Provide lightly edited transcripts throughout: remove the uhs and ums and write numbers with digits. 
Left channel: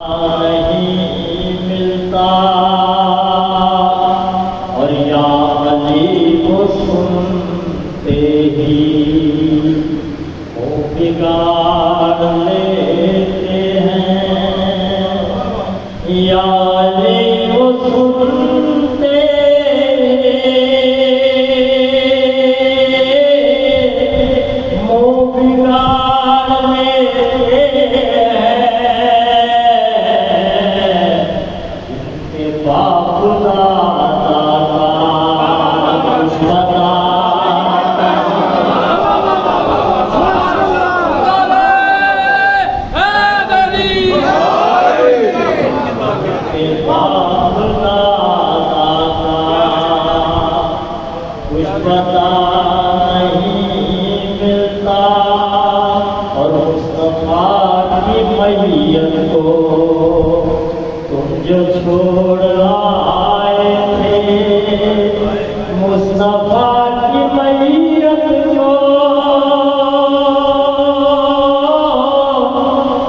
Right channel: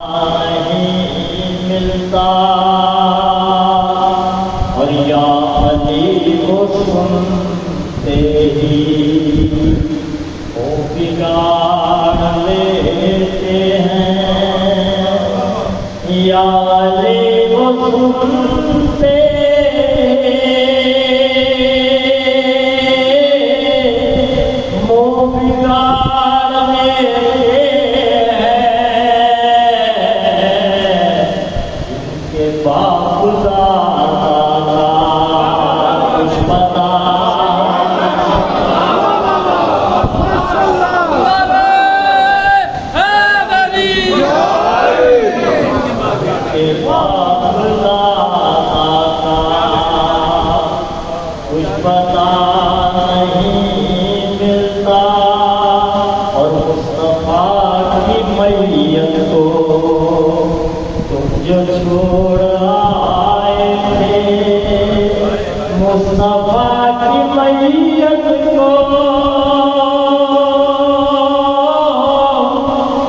नहीं मिलता और या अली को सुनते ही वो बिगाड़ लेते हैं। या अली को सुनते वो बिगाड़ लेते बाप दादा कुछ पता के बाप दादा कुछ पता नहीं मिलता और मुस्तफा की मैयत को तुम जो छोड़ आए थे, मुस्तफा की मैयत को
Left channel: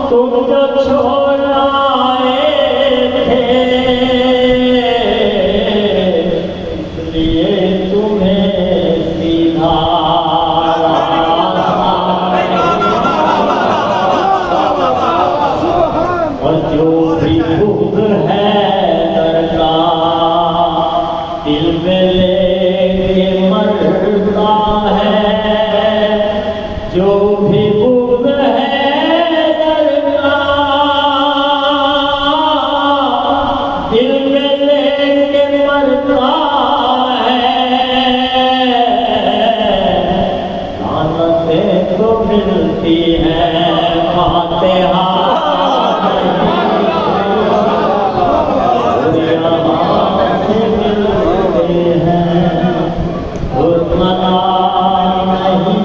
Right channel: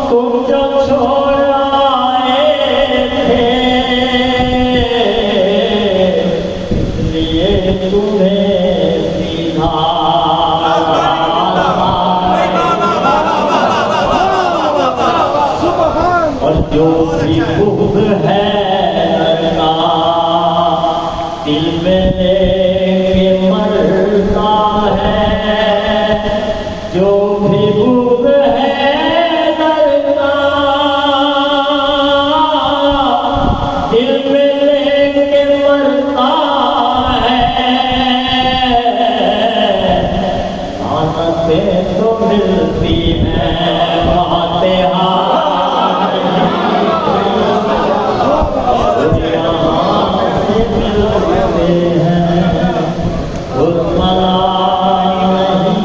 तुम जो छोड़ आए थे, इसलिए तुम्हें सीधा और जो भी भूख है दिल में लेके मरता है, जो भी भूख है दरका दिल में लेके मरता है। नानतें तो मिलती है फातिहा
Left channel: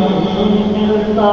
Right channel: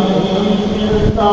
नहीं मिलता।